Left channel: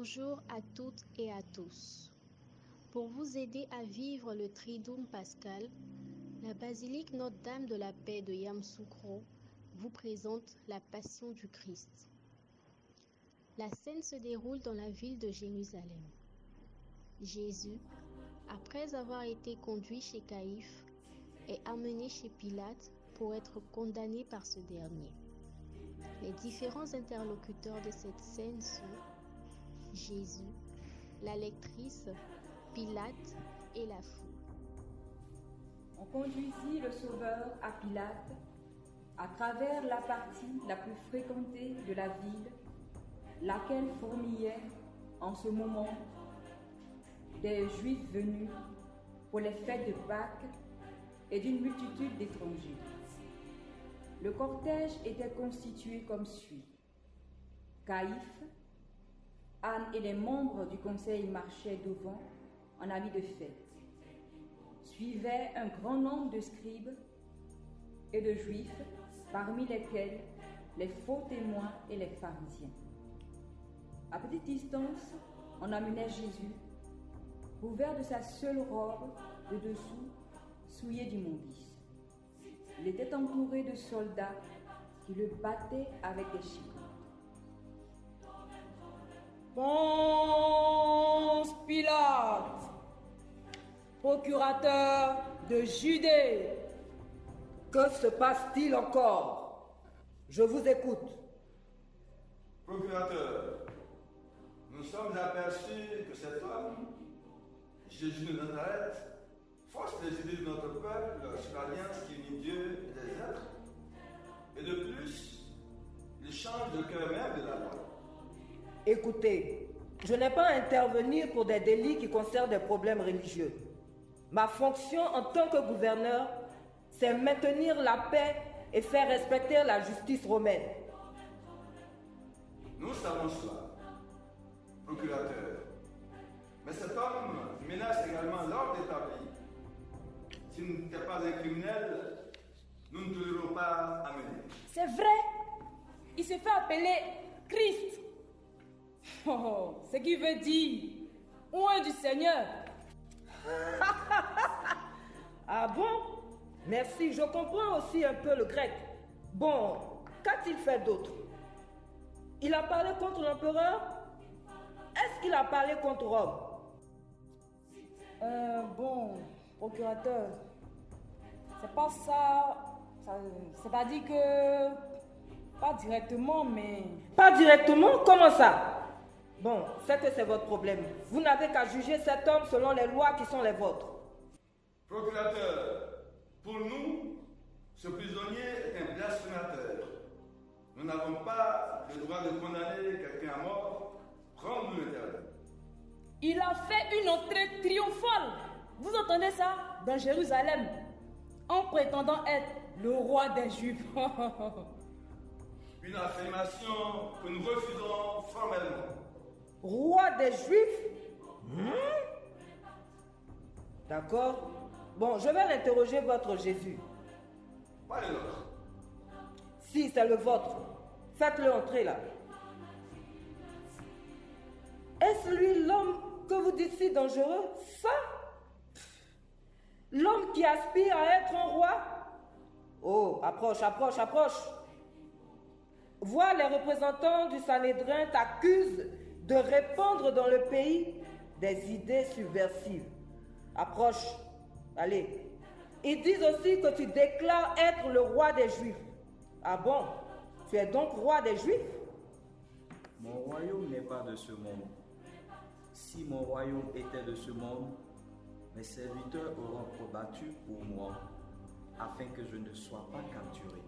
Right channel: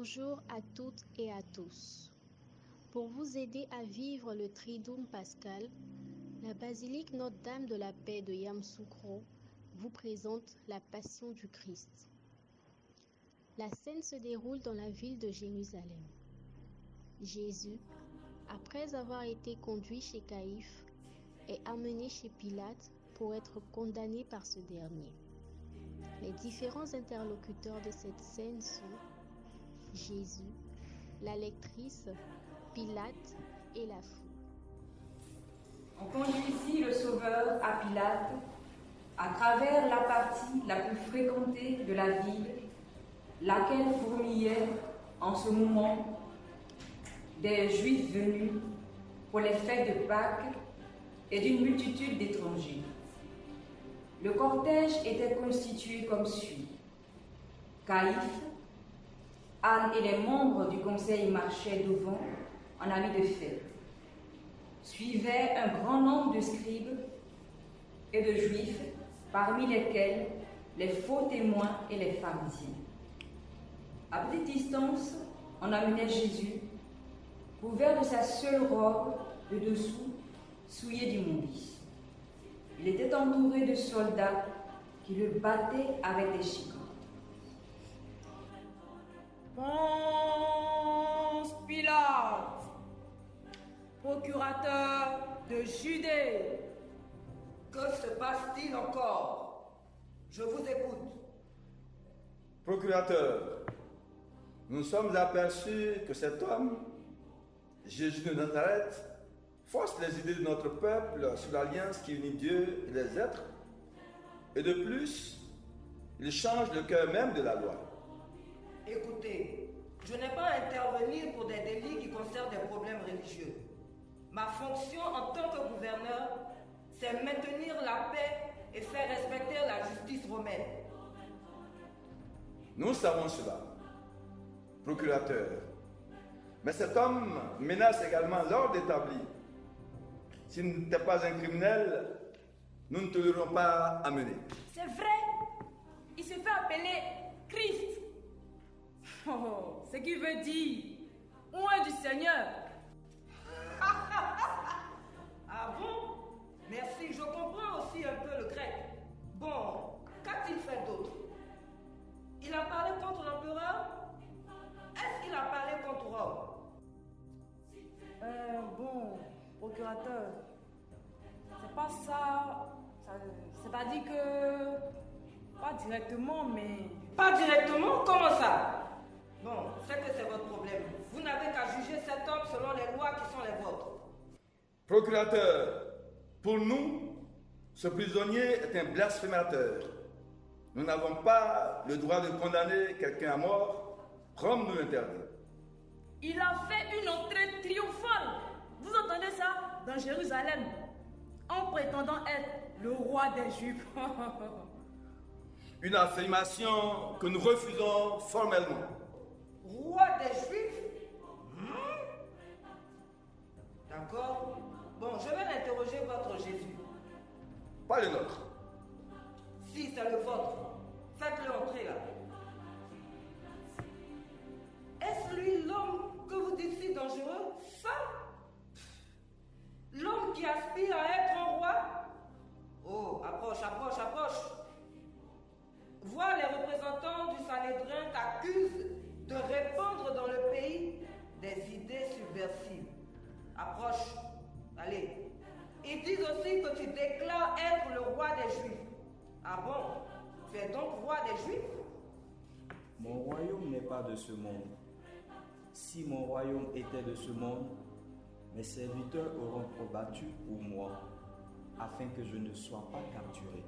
Bonjour à toutes et à tous. Pour vous aider à vivre le Triduum pascal, la basilique Notre-Dame de la Paix de Yamoussoukro vous présente la Passion du Christ. La scène se déroule dans la ville de Jérusalem. Jésus, après avoir été conduit chez Caïphe, est amené chez Pilate pour être condamné par ce dernier. Les différents interlocuteurs de cette scène sont Jésus, la lectrice, Pilate et la foule. On conduisit le Sauveur à Pilate à travers la partie la plus fréquentée de la ville, laquelle fourmillait en ce moment des Juifs venus pour les fêtes de Pâques et d'une multitude d'étrangers. Le cortège était constitué comme suit. Caïphe, Anne et les membres du conseil marchaient devant en amis de fête. Suivaient un grand nombre de scribes et de juifs, parmi lesquels les faux témoins et les pharisiens. À petite distance, on amenait Jésus, couvert de sa seule robe de dessous, souillée d'immondices. Il était entouré de soldats qui le battaient avec des chicots. Ponce Pilate, procurateur de Judée. Que se passe-t-il encore? Je vous écoute. Procurateur, nous sommes aperçus que cet homme, Jésus de Nazareth, force les idées de notre peuple sur l'alliance qui unit Dieu et les êtres, et de plus, il change le cœur même de la loi. Écoutez, je n'ai pas à intervenir pour des délits qui concernent des problèmes religieux. Ma fonction en tant que gouverneur, c'est maintenir la paix et faire respecter la justice romaine. Nous savons cela, procurateur. Mais cet homme menace également l'ordre établi. S'il n'était pas un criminel, nous ne te l'aurons pas amené. C'est vrai, il se fait appeler Christ. Oh, ce qui veut dire oint du Seigneur. Ah bon? Merci, je comprends aussi un peu le grec. Bon, qu'a-t-il fait d'autre? Il a parlé contre l'empereur? Est-ce qu'il a parlé contre Rome? Bon, procurateur, c'est pas ça. C'est-à-dire que pas directement, mais... Pas directement? Comment ça? Bon, c'est que c'est votre problème. Vous n'avez qu'à juger cet homme selon les lois qui sont les vôtres. Procurateur, pour nous, ce prisonnier est un blasphémateur. Nous n'avons pas le droit de condamner quelqu'un à mort, comme nous l'interdit. Il a fait une entrée triomphale. Vous entendez ça? Dans Jérusalem, en prétendant être le roi des Juifs. Une affirmation que nous refusons formellement. Roi des Juifs? D'accord. Bon, je vais l'interroger votre Jésus. Pas le nôtre. Si, c'est le vôtre. Faites-le entrer là. Est-ce lui l'homme que vous dites si dangereux? Ça? L'homme qui aspire à être un roi? Oh, approche, approche, approche. Vois, les représentants du Sanhédrin t'accusent de répandre dans le pays des idées subversives. Approche, allez. Ils disent aussi que tu déclares être le roi des Juifs. Ah bon? Tu es donc roi des Juifs? Mon royaume n'est pas de ce monde. Si mon royaume était de ce monde, mes serviteurs auront combattu pour moi, afin que je ne sois pas capturé.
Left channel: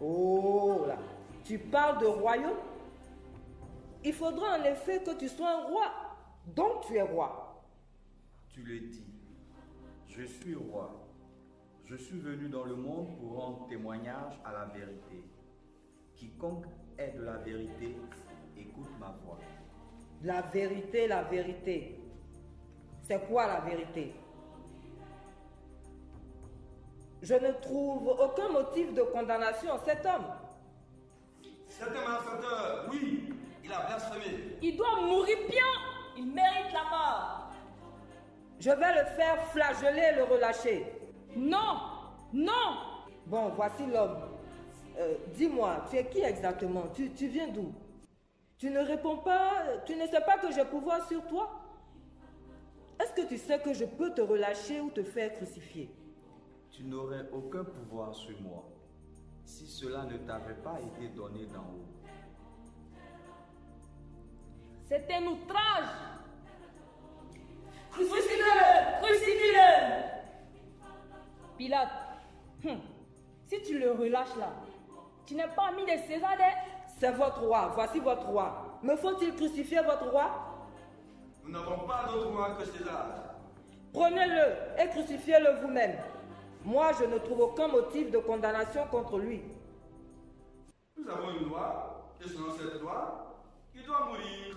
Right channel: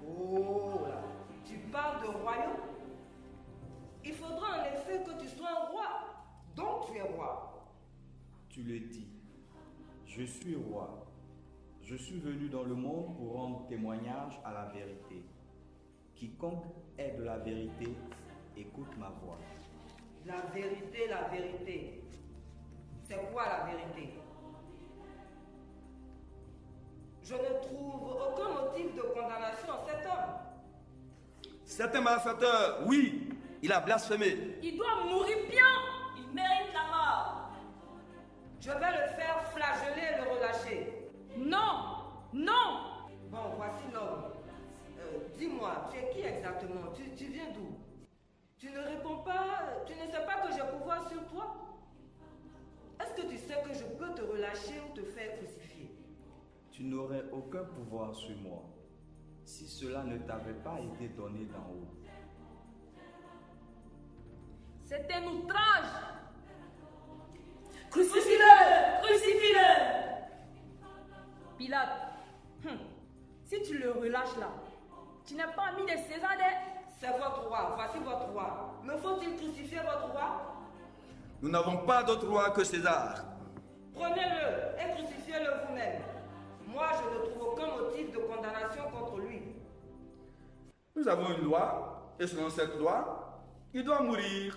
Oh là, tu parles de royaume? Il faudra en effet que tu sois un roi. Donc tu es roi. Tu le dis, je suis roi. Je suis venu dans le monde pour rendre témoignage à la vérité. Quiconque est de la vérité, écoute ma voix. La vérité, la vérité. C'est quoi la vérité? Je ne trouve aucun motif de condamnation en cet homme. C'est un malfaiteur, oui, Il a blasphémé. Il doit mourir bien. Il mérite la mort. Je vais le faire flageller et le relâcher. Non, non. Bon, voici l'homme. Dis-moi, tu es qui exactement? Tu viens d'où? Tu ne réponds pas, tu ne sais pas que j'ai pouvoir sur toi? Est-ce que tu sais que je peux te relâcher ou te faire crucifier? Tu n'aurais aucun pouvoir sur moi si cela ne t'avait pas été donné d'en haut. C'est un outrage. Crucifie-le! Crucifie-le! Pilate, si tu le relâches là, tu n'es pas ami de César. C'est votre roi, voici votre roi. Me faut-il crucifier votre roi? Nous n'avons pas d'autre roi que César. Prenez-le et crucifiez-le vous-même. Moi, je ne trouve aucun motif de condamnation contre lui. Nous avons une loi, et selon cette loi, il doit mourir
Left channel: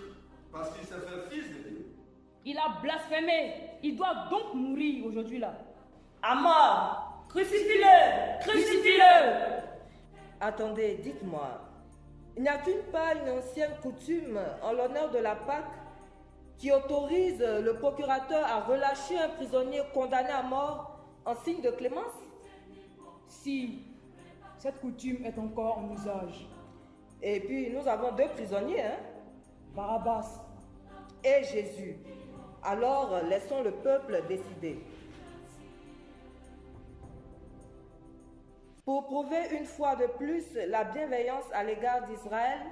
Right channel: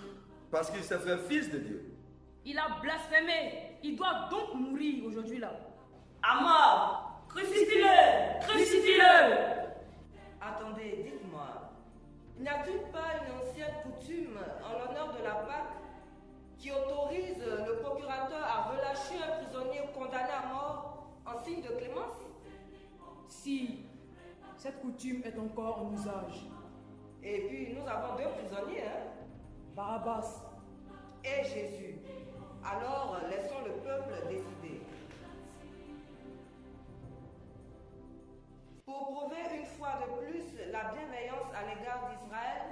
parce qu'il s'est fait fils de Dieu. Il a blasphémé. Il doit donc mourir aujourd'hui là. À mort! Crucifie-le! Crucifie-le! Attendez, dites-moi, n'y a-t-il pas une ancienne coutume en l'honneur de la Pâque qui autorise le procurateur à relâcher un prisonnier condamné à mort en signe de clémence? Si, cette coutume est encore en usage. Et puis, nous avons deux prisonniers, hein? Barabbas Et Jésus. Alors, laissons le peuple décider. Pour prouver une fois de plus la bienveillance à l'égard d'Israël,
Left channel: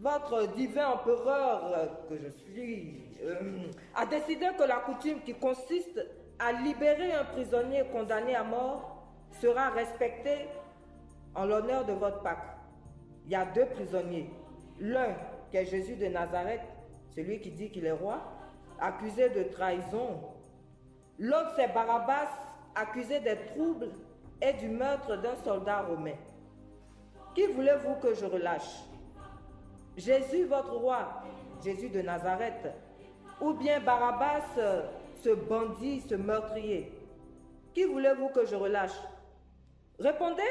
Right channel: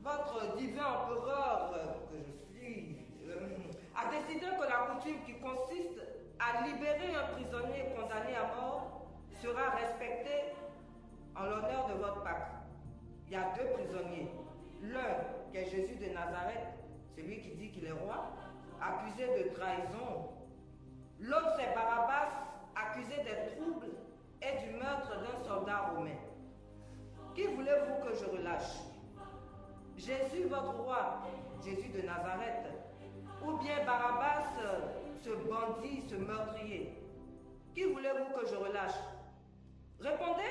votre divin empereur, que je suis, a décidé que la coutume qui consiste à libérer un prisonnier condamné à mort sera respectée en l'honneur de votre Pâque. Il y a deux prisonniers. L'un, qui est Jésus de Nazareth, celui qui dit qu'il est roi, accusé de trahison. L'autre, c'est Barabbas, accusé des troubles et du meurtre d'un soldat romain. Qui voulez-vous que je relâche? Jésus, votre roi, Jésus de Nazareth, ou bien Barabbas, ce bandit, ce meurtrier? Qui voulez-vous que je relâche? Répondez,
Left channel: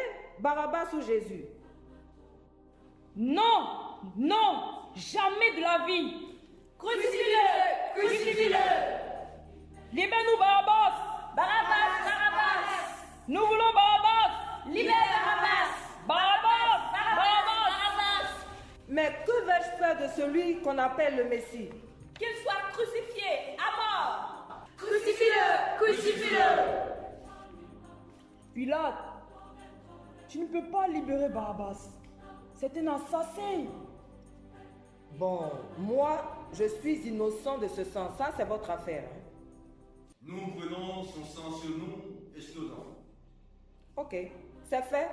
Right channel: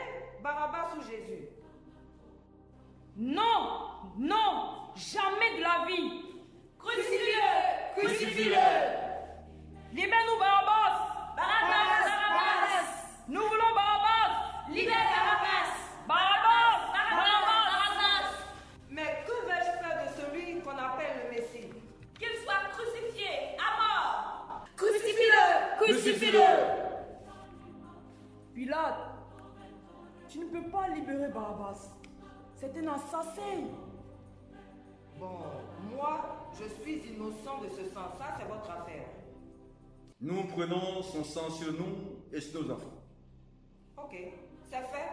Barabbas ou Jésus? Non, non, jamais de la vie. Crucifie-le! Crucifie-le! Libère-nous Barabbas. Barabbas! Barabbas! Nous voulons Barabbas. Libère Barabbas! Barabbas. Barabbas! Mais que vais-je faire de celui qu'on appelle le Messie? Qu'il soit crucifié à mort! Crucifie-le! Crucifie-le! Pilate, tu ne peux pas libérer Barabbas. C'est un assassin. Bon, moi, je suis innocent de ce sang. Ça, c'est votre affaire. Nous prenons son sang sur nous et sur nos enfants. Ok, c'est fait.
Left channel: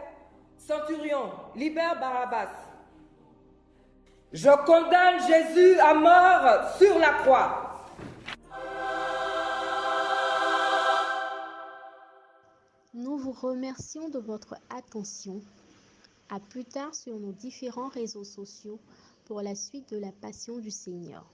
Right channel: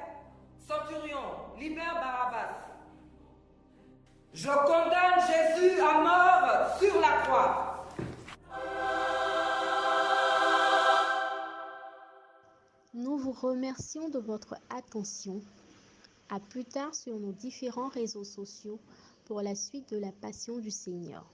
Centurion, libère Barabbas. Je condamne Jésus à mort sur la croix. Nous vous remercions de votre attention. À plus tard sur nos différents réseaux sociaux pour la suite de la Passion du Seigneur.